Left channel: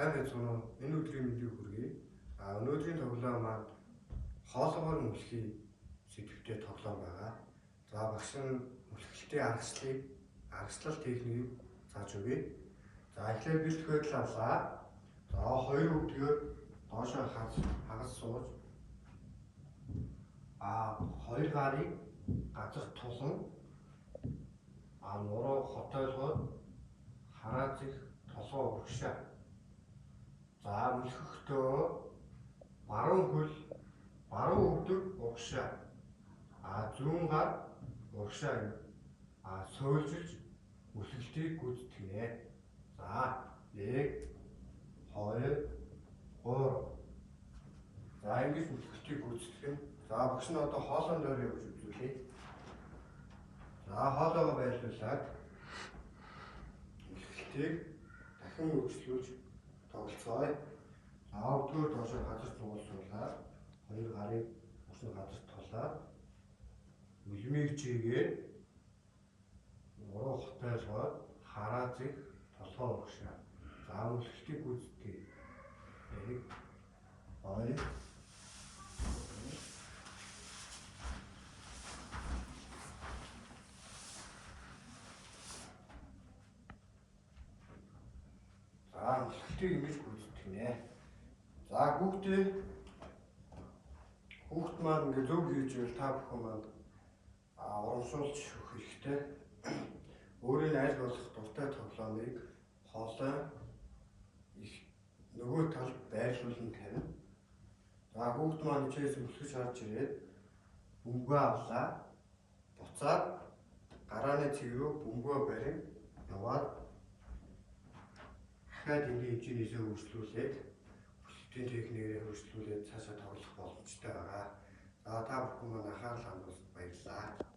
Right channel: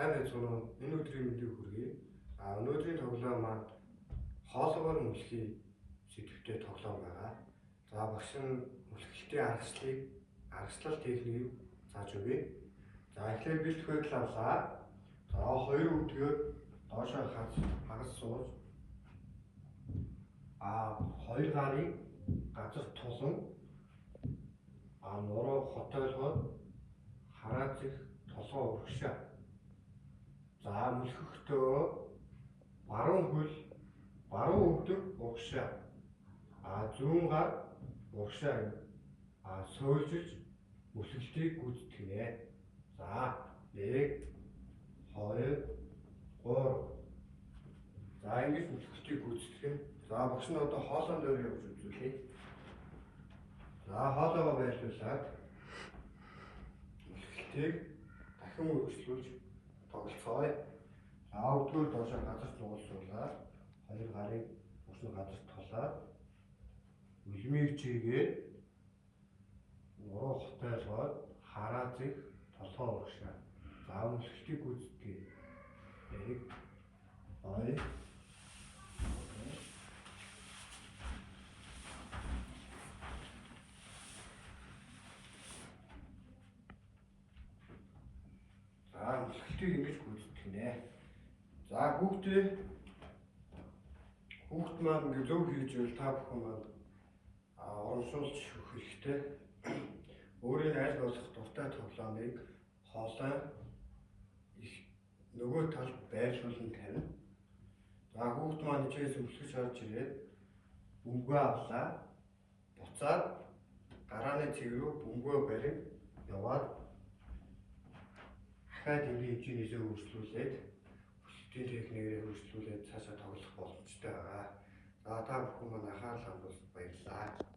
Сайн байцгаана уу? Энэ өдрийн мэндийг хүргэе. Өнөөдрийн тоглоом маань хоолгоор мөлхий сэдвтэй тоглоом байгаа. За багш нь мөлхөлтийн аргачлал техникийг зааж өгье. За эхлээд бэлтгэх байдал авлаа. За хоёр өвдгөөр доошоо хагас сууж хоёр гарыг газар тулан нуруу хотойлгоод хараацих толгой өгшөө. За мөлхөхдөө баруун хөл баруун өвдөг угшаа. Зүүн гар угшаа сөөлжилж мөлхөлтийг гүйцэтгэнэ. За 1 2 3. За ингэж мөлхөлтийг гүйцэтгэх. За багш нь одоо хоолойн дээр явж үзүүлье. За хоолойгоо байрлуулад мөлхөлтийг дахин үргэлжлүүлж тоглоцгоё. Өвдгөөр доошоо газар зугуулсуулаад хоёр гарыг өснө газар тулаад үлмийг чийгээд нуруу хотойлгоод хараацыг толгой урагшаа. За мөлхөлтийг гүйцэтгэе. 1 2 мөлхөлтийг ингэж гүйцэтгэнэ. За хүүхд маань ингэ зөв хийж ивэл та бүхэн маань урамшуулж өгөх хэрэгтэй. Өөрийн аль болох дуртай тоглоомыг хоолой нөгөө талд байрлуулан тавина. За хүүхд маань ичээс мөлхөж харж ирээд бөмбөгөө авлаа. Буцаад гарааны цэг рүү бөмбөгөө барин яваад дахиад энэ хэмжээнээсээ өөрчлүүлээд мөлхөлтийн техникээр өөрчлүүлээд цаашаа тоглох боломжтой байгаа. За та бүхэн маань анхаарал хандуулсанд баярлалаа.